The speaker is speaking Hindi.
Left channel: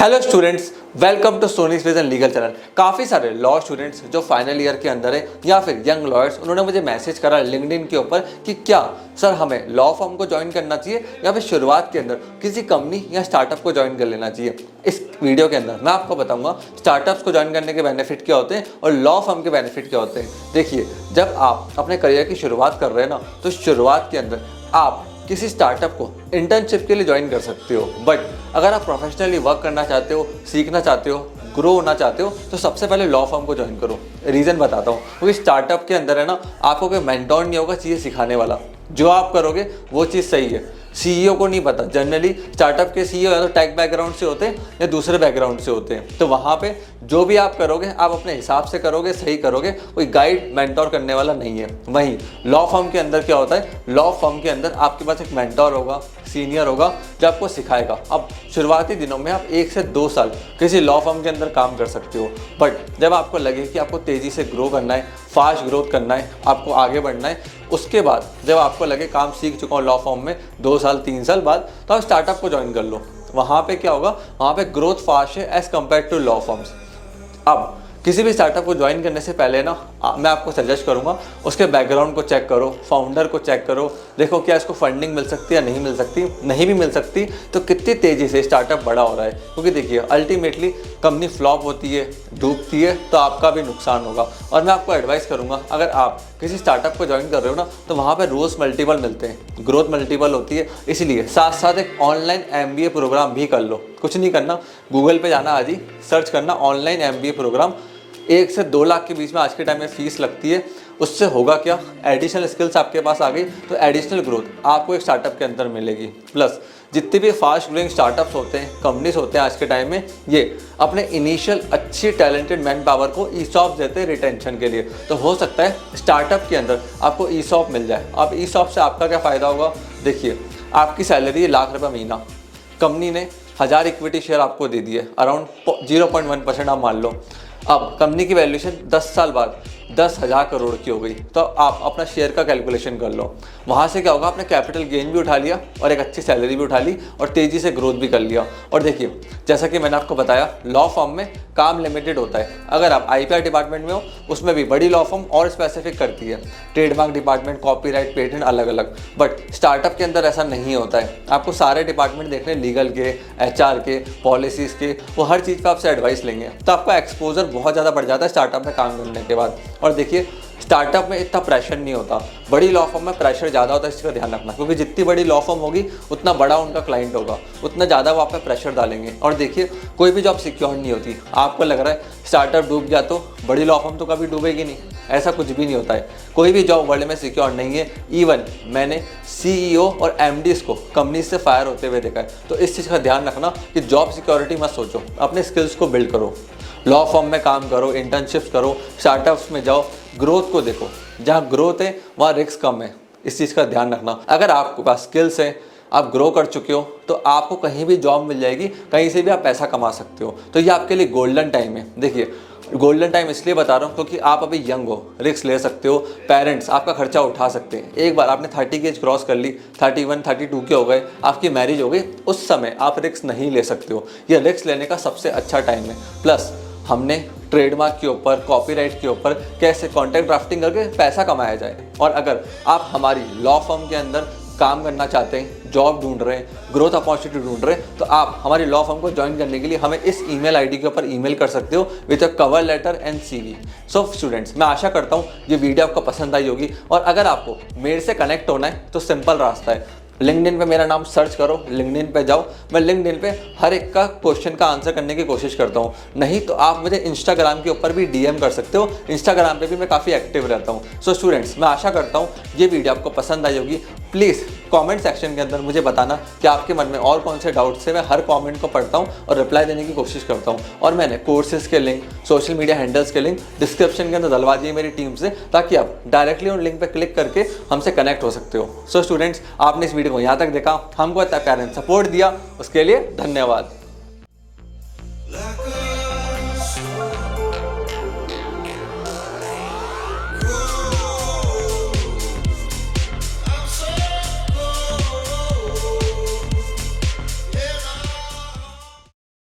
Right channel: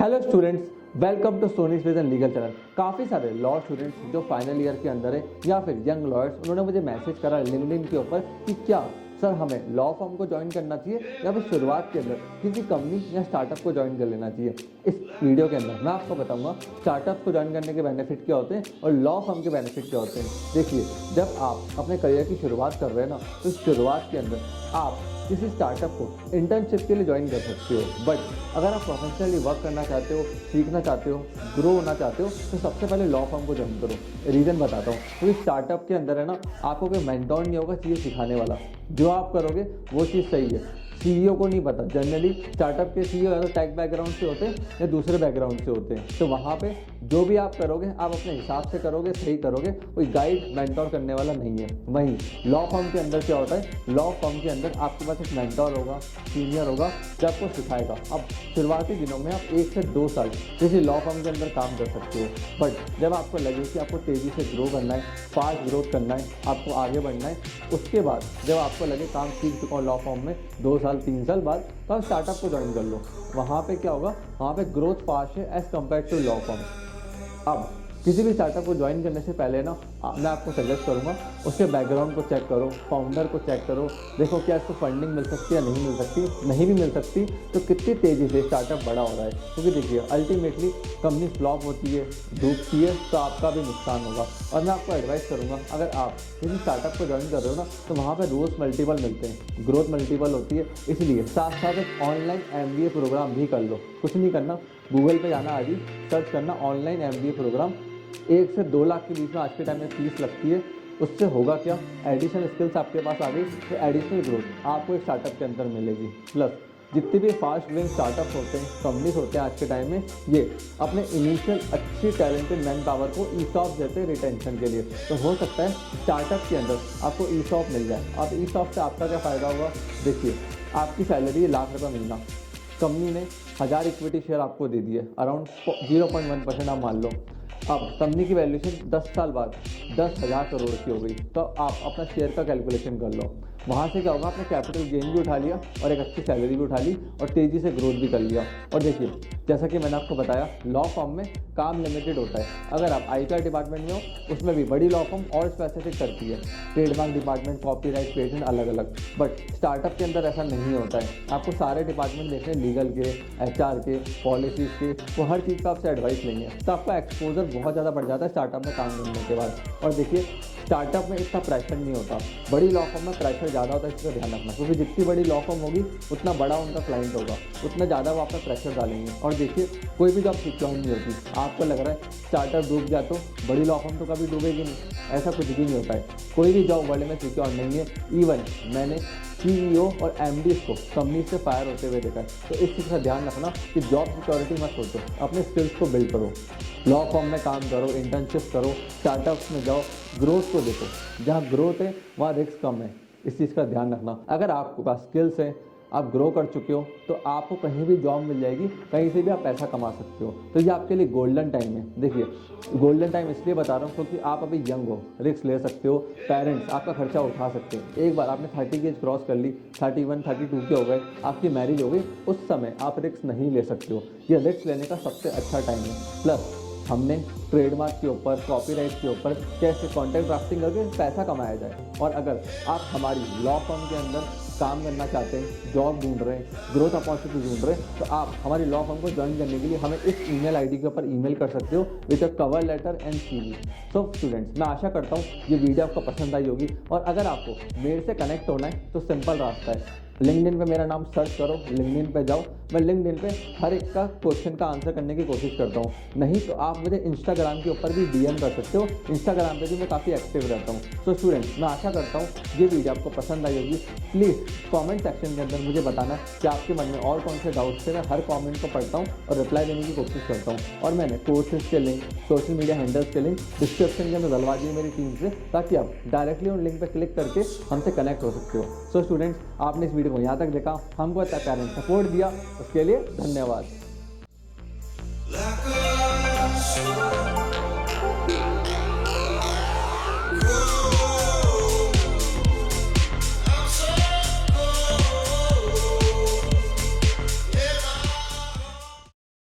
Hello students, welcome to Soni's vision legal channel. काफ़ी सारे लॉ स्टूडेंट्स जो फाइनल ईयर के अंदर है या फिर यंग लॉयर्स, उन्होंने मुझे मैसेज करा लिंक्डइन के ऊपर कि क्या सर हमें लॉ फर्म को ज्वाइन करना चाहिए या फिर शुरुआत के अंदर किसी कंपनी या स्टार्टअप को ज्वाइन कर लेना चाहिए। इस वीडियो के अंदर मैं आपको बताऊंगा स्टार्टअप्स को ज्वाइन करने के बेनिफिट क्या होते हैं और लॉ फर्म के बेनिफिट क्या होते हैं। देखिए, जब आप अपने करियर की शुरुआत कर रहे हैं ना, तो शुरुआत के अंदर आप किसी स्टार्टअप को इंटर्नशिप के लिए ज्वाइन कर सकते हो। बट अगर आप प्रोफेशनली वर्क करना चाहते हो, सीखना चाहते हो, ग्रो होना चाहते हो, तो सबसे पहले लॉ फर्म को ज्वाइन करो। रीज़न बताता हूँ, क्योंकि स्टार्टअप के अंदर है ना, आपको कोई मेंटोर नहीं होगा चीज़ें सिखाने वाला। जो आप करोगे वो चीज़ सही है। सीईओ को नहीं पता, जनरली स्टार्टअप के सीईओ या तो टेक बैकग्राउंड से होते हैं या दूसरे बैकग्राउंड से होते हैं। तो वहाँ पे जो भी आप करोगे आप अपने हिसाब से करोगे, सही करोगे, कोई गाइड मेंटोर करने वाला नहीं है। वहीं लॉ फर्म के अंदर क्या होता है, लॉ फर्म के अंदर आपके पास एक मेंटोर होगा, सीनियर होगा जो आपको सिखाएगा। अब शुरुआती दिनों में आप 1 से 2 साल किसी लॉ फर्म के अंदर काम कर सकते हो। बट जब आपको लगे कि आपको तेज़ी से ग्रो करना है, फास्ट ग्रोथ करना है, आपको आगे बढ़ना है, उसके बाद जब आपको लगे काम सीख चुका हूँ लॉ फर्म में 2 साल 3 साल बाद, तो आप स्टार्टअप को ज्वाइन कर लो। वहाँ पे क्या होगा, वहाँ पे ग्रोथ फास्ट है as compare to law firms. अब किसी भी स्टार्टअप को ज्वाइन करने से पहले ना मैं आपको सजेस्ट करूंगा उसके बैकग्राउंड को चेक करो, फाउंडर को चेक करो, देखो क्या इसको फंडिंग मिल सकती है या नहीं मिल सकती। नहीं भी मिल सकती तो कितनी तेज़ी से स्टार्टअप बड़ा हो रहा है। क्योंकि देखिए, अल्टीमेटली कंपनी फ्लॉप होती है, डूबती है, तो आपका भी नुकसान होगा। और मैं आपको एडवाइस करूँगा, अगर आप किसी स्टार्टअप को ज्वाइन कर रहे हो ना, तो वहाँ पर रोज़ मल्टीपल मिलते हैं, ग्रोथ मल्टीपल होती है। इसलिए साथ साथ एक ऑनलाइन MBA प्रोग्राम भी कर लो। कुछ नहीं करना, गूगल पे जाना, आज ही सर्च करना ऑनलाइन MBA प्रोग्राम। 1 से 2 लाख के बीच में आज के टाइम में फीस लगती है। उससे होगा क्या, एडिशनल स्किल्स आपके पास आ गई, तो एडिशनल ग्रोथ आपको एक स्टार्टअप के अंदर मिलेगी। प्लस जितने भी फास्ट ग्रोइंग स्टार्टअप्स होते हैं, कंपनीज होते हैं आज के टाइम में, ये अपने इनिशियल अच्छी टैलेंटेड मैन पावर को ESOP देते हैं रिटेंशन के लिए। तो हो सकता है स्टार्टअप के अंदर आपको ESOP मिल जाए। अब ESOP से आपका क्या फ़ायदा होगा, देखिए, आपकी सैलरी है ₹1,00,000 महीना, कंपनी ने 1000 इक्विटी शेयर आपको दे दिए, अराउंड 0.1% आप मान लो। अब कंपनी की वैल्यूएशन 10 साल बाद 10,000 करोड़ की हो गई, तो आप अपना शेयर का कैलकुलेशन कर लो। वहाँ से क्या होगा, आपने कैपिटल गेन भी उठा लिया और एक अच्छी सैलरी भी उठा ली और तेज़ी से ग्रोथ भी कर लिया। और देखिए, जैसा कि मैंने आपको बताया, लॉ फर्म में काम लिमिटेड होता है। अगर आप IPR डिपार्टमेंट में हो, उसमें भी बड़ी लॉ फर्म और स्पेसिफिक करती है, ट्रेडमार्क डिपार्टमेंट, कॉपीराइट, पेटेंट अलग अलग। बट स्टार्टअप के अंदर ऐसा नहीं होता है। आपको सारे डिपार्टमेंट देखने, लीगल के, HR के, पॉलिसीज़ के, वो हर चीज़ का आपसे एडवाइस लेंगे। तो आपका एक्सपोजर बहुत ज़्यादा बढ़ जाता है स्टार्टअप में काम करने के बाद। और देखिए, स्टार्टअप में इतना प्रेशर नहीं होता, बड़ी लॉ फर्म में प्रेशर ज़्यादा होता है। इसका ध्यान रखना, क्योंकि जितनी बड़ी लॉ फर्म होगी उतना बड़ा उनका क्लाइंट होगा, उतना ज़्यादा वो आप पे प्रेशर डालेंगे। और देखिए, कोई भी जॉब सिक्योर नहीं होती। आपको लग रहा है स्टार्टअप डूब गया तो बड़ी लॉ फर्म तो कभी डूबेगी नहीं, ऐसा कुछ भी नहीं होता है। कोई भी जॉब वर्ल्ड में सिक्योर नहीं है। इवन मैंने CEO और MDs को कंपनी से फायर होते हुए देखा है। तो इस चीज़ का ध्यान रखना कि जॉब सिक्योरिटी मत सोचो, अपने स्किल्स को बिल्ड करो, लॉ फर्म में काम करो, इंटर्नशिप्स करो, स्टार्टअप्स में जाओ, ग्रोथ को देखो। जहाँ ग्रोथ है वहाँ रिस्क कम है, इस चीज़ का ध्यान रखना। अगर आपके पास स्किल्स हैं, आप ग्रो कर चुके हो, तो आपको कहीं भी जॉब मिल जाएगी, कहीं से भी आप पैसा कमा सकते हो। तो ये आपके लिए गोल्डन टाइम है। देखिए, गोल्डन टाइम इसलिए बता रहा हूँ क्योंकि आप अभी यंग हो, रिस्क ले सकते हो, पेरेंट्स आपका खर्चा उठा सकते हैं। एक बार आपने 30 की एज क्रॉस कर ली, 31, 32 के हो गए, आपकी मैरिज हो गई, उस समय आप रिस्क नहीं ले सकते हो। ये रिस्क लेने का सबसे अच्छा टाइम है। प्लस हमने ट्रेडमार्क के ऊपर, कॉपीराइट के ऊपर कैसे कॉन्ट्रैक्ट ड्राफ्टिंग करके पैसा कमाया जाए। और अगर आप हमारी लॉ फर्म के अंदर काम करना चाहते हैं, जॉब ढूंढ रहे हैं, ग्रोथ अपॉर्चुनिटी ढूंढ रहे हैं, तो आप हमारी लॉ फर्म को ज्वाइन करने के लिए हमें इस ईमेल ID के ऊपर ईमेल कर सकते हो with a cover letter and CV। So students, मैं आशा करता हूँ ये वीडियो आपको पसंद आई होगी। और अगर आपको मेरे से कनेक्ट होना है तो सिंपल रास्ता है, लिंक्डइन पे मेरा नाम सर्च करो, लिंक्डइन पे जाओ। मैं लिंक्डइन पे हर एक का क्वेश्चन का आंसर करने की कोशिश करता हूँ। नहीं तो आप मुझे इंस्टाग्राम के ऊपर भी DM कर सकते हो, इंस्टाग्राम पे भी मैं काफ़ी एक्टिव रहता हूँ। सो स्टूडेंट्स, मैं आशा करता हूँ ये वीडियो आपको पसंद आई होगी। प्लीज़ कमेंट सेक्शन के अंदर मुझे बताना कि आपके मन में और कौन से डाउट्स है। मैं हर कमेंट को पढ़ता हूँ और रिप्लाई देने की कोशिश करता हूँ। और मैंने कोर्सेज के लिंक, सोशल मीडिया हैंडल्स के लिंक डिस्क्रिप्शन के अंदर डलवा दिए मेरी टीम से, ताकि आप डायरेक्टली उन लिंक पर क्लिक करके हमसे कनेक्ट हो सकते हो। सो स्टूडेंट्स, आपने इस वीडियो को यहाँ तक देखा, हमको इतना प्यार एंड सपोर्ट दिया, उसके लिए धन्यवाद।